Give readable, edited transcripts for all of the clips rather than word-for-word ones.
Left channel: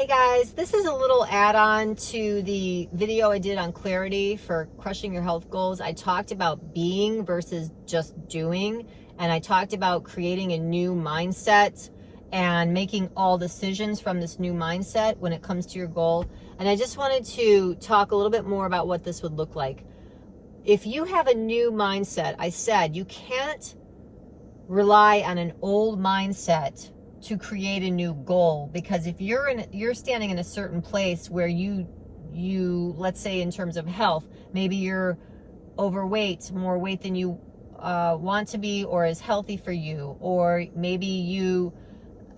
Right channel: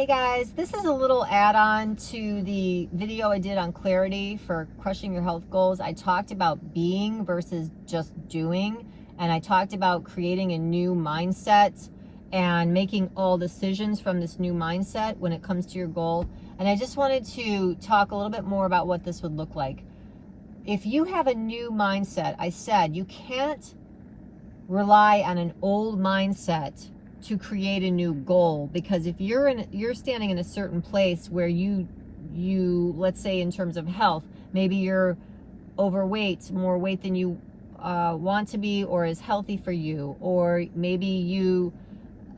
Hey guys, this is a little add-on to the video I did on clarity for crushing your health goals. I talked about being versus just doing, and I talked about creating a new mindset and making all decisions from this new mindset when it comes to your goal. And I just wanted to talk a little bit more about what this would look like. If you have a new mindset, I said you can't rely on an old mindset to create a new goal, because if you're standing in a certain place where you let's say in terms of health, maybe you're overweight, more weight than you want to be or is healthy for you, or maybe you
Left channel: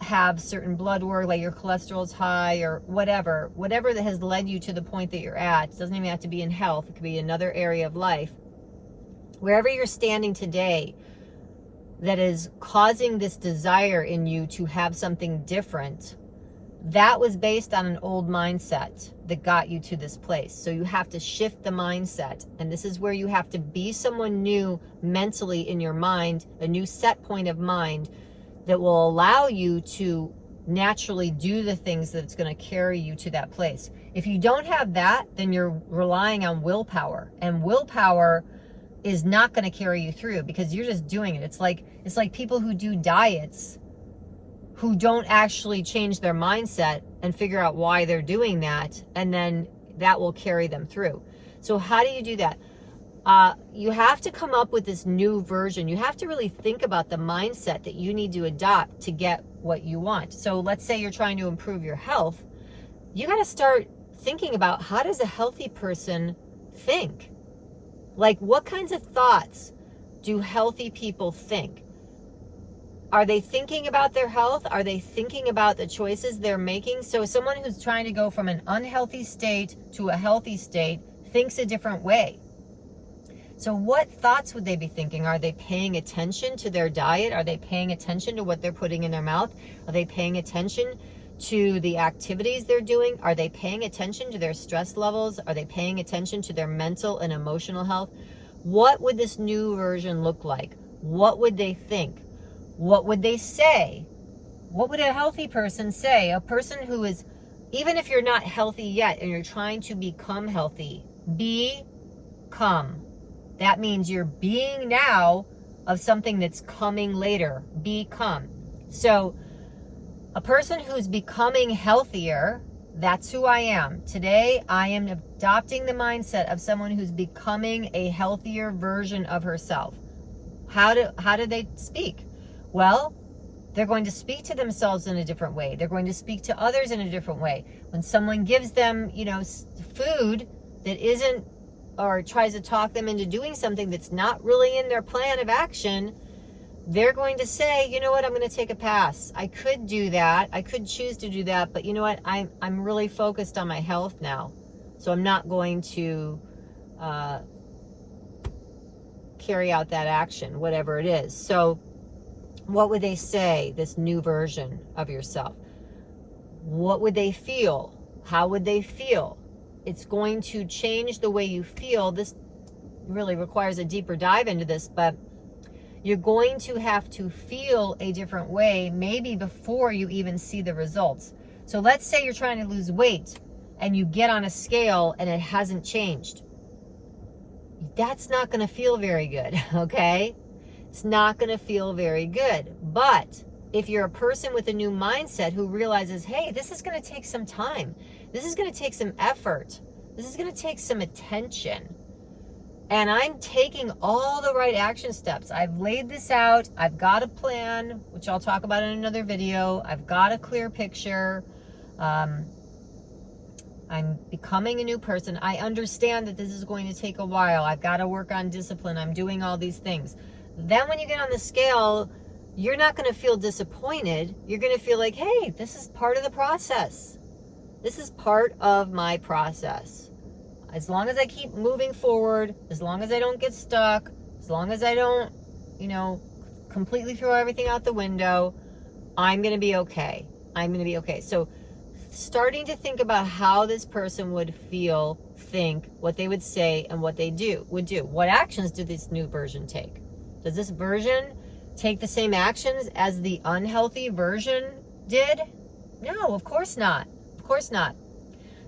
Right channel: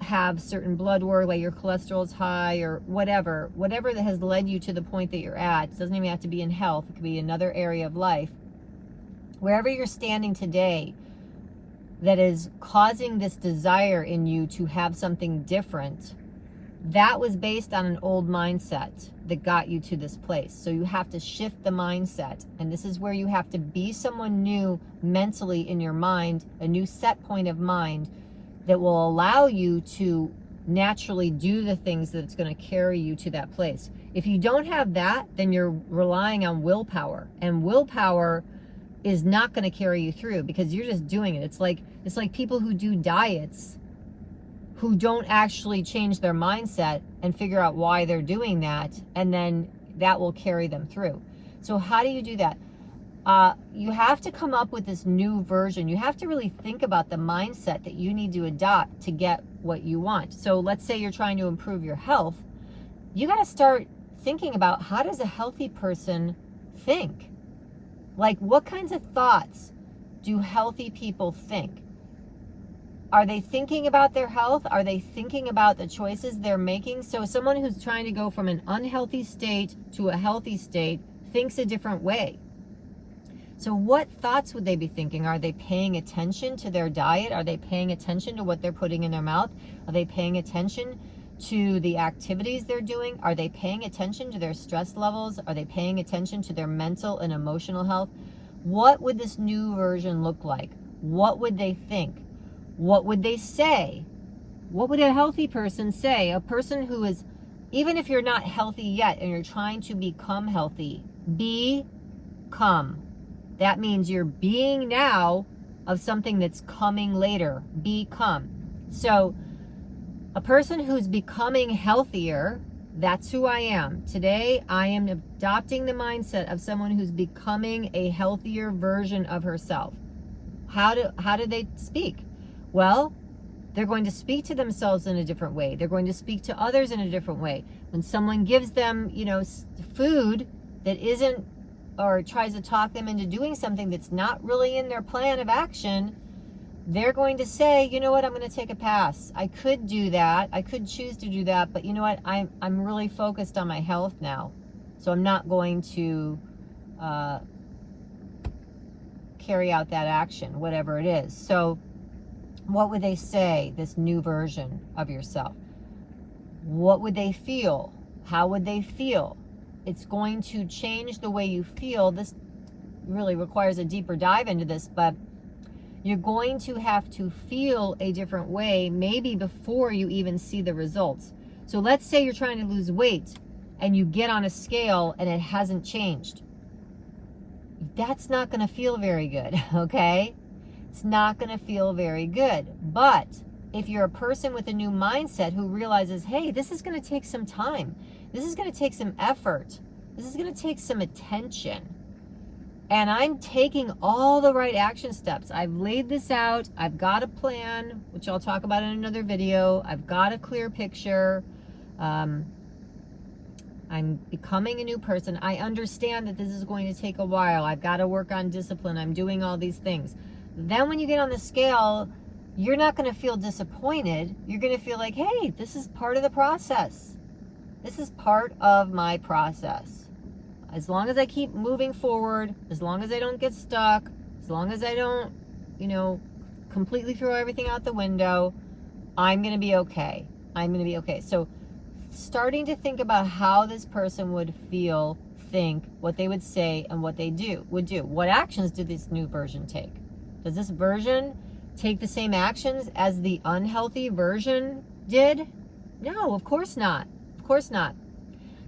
have certain blood work, like your cholesterol is high, or whatever that has led you to the point that you're at. It doesn't even have to be in health, it could be another area of life. Wherever you're standing today that is causing this desire in you to have something different, that was based on an old mindset that got you to this place. So you have to shift the mindset, and this is where you have to be someone new mentally in your mind, a new set point of mind that will allow you to naturally do the things that's going to carry you to that place. If you don't have that, then you're relying on willpower, and willpower is not going to carry you through because you're just doing it. It's like people who do diets who don't actually change their mindset and figure out why they're doing that, and then that will carry them through. So how do you do that? You have to come up with this new version. You have to really think about the mindset that you need to adopt to get what you want. So let's say you're trying to improve your health. You got to start thinking about, how does a healthy person think? Like, what kinds of thoughts do healthy people think? Are they thinking about their health? Are they thinking about the choices they're making? So someone who's trying to go from an unhealthy state to a healthy state thinks a different way. So what thoughts would they be thinking? Are they paying attention to their diet? Are they paying attention to what they're putting in their mouth? Are they paying attention to the activities they're doing? Are they paying attention to their stress levels? Are they paying attention to their mental and emotional health? What would this new version look like? What would they think? What would they say? What would a healthy person say? A person who is, even if you're not healthy yet and you're trying to become healthy, become. That means you're being now of something that's coming later. Become. So a person who's becoming healthier, that's who I am. Today, I am adopting the mindset of someone who's becoming a healthier version of herself. How do they speak? Well, they're going to speak to themselves in a different way. They're going to speak to others in a different way. When someone gives them, food that isn't, or tries to talk them into doing something that's not really in their plan of action, they're going to say, you know what, I'm going to take a pass. I could do that. I could choose to do that, but you know what? I'm really focused on my health now. So I'm not going to carry out that action, whatever it is. So what would they say, this new version of yourself? What would they feel? How would they feel? It's going to change the way you feel. This really requires a deeper dive into this, but you're going to have to feel a different way, maybe before you even see the results. So let's say you're trying to lose weight and you get on a scale and it hasn't changed. That's not going to feel very good, okay? It's not going to feel very good. But if you're a person with a new mindset who realizes, hey, this is going to take some time. This is going to take some effort. This is going to take some attention. And I'm taking all the right action steps. I've laid this out. I've got a plan, which I'll talk about in another video. I've got a clear picture. I'm becoming a new person. I understand that this is going to take a while. I've got to work on discipline. I'm doing all these things. Then when you get on the scale, you're not going to feel disappointed. You're going to feel like, hey, this is part of the process. This is part of my process. As long as I keep moving forward, as long as I don't get stuck, as long as I don't, completely throw everything out the window, I'm going to be okay. I'm going to be okay. So starting to think about how this person would feel, think, what they would say, and what they would do. What actions did this new version take? Does this version take the same actions as the unhealthy version did? No, of course not. Of course not.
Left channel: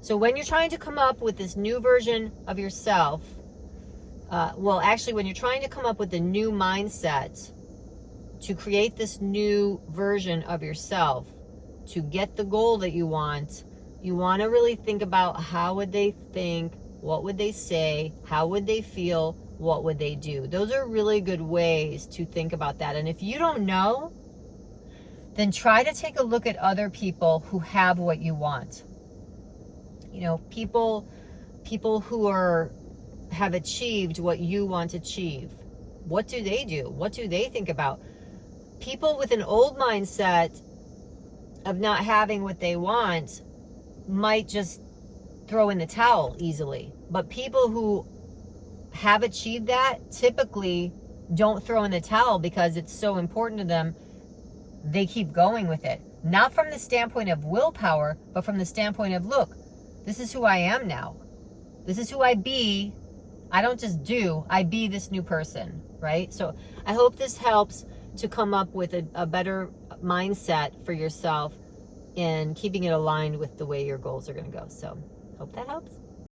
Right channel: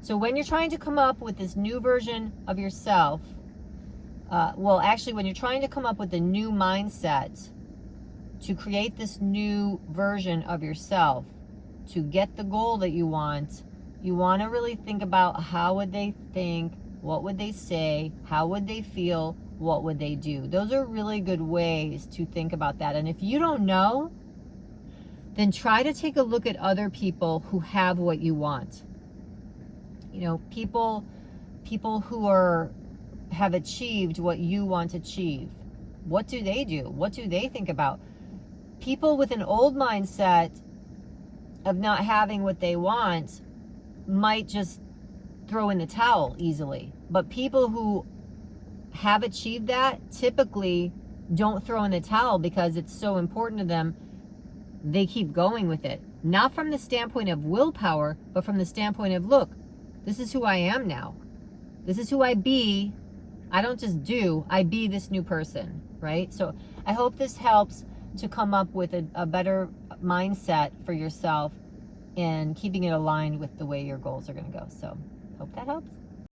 So when you're trying to come up with this new version of yourself, well, actually, when you're trying to come up with a new mindset to create this new version of yourself, to get the goal that you want to really think about how would they think, what would they say, how would they feel, what would they do. Those are really good ways to think about that. And if you don't know, then try to take a look at other people who have what you want. You know, people who have achieved what you want to achieve. What do they do? What do they think about? People with an old mindset of not having what they want might just throw in the towel easily. But people who have achieved that typically don't throw in the towel because it's so important to them. They keep going with it. Not from the standpoint of willpower, but from the standpoint of, look, this is who I am now. This is who I be. I don't just do, I be this new person, right? So I hope this helps to come up with a better mindset for yourself in keeping it aligned with the way your goals are going to go. So hope that helps.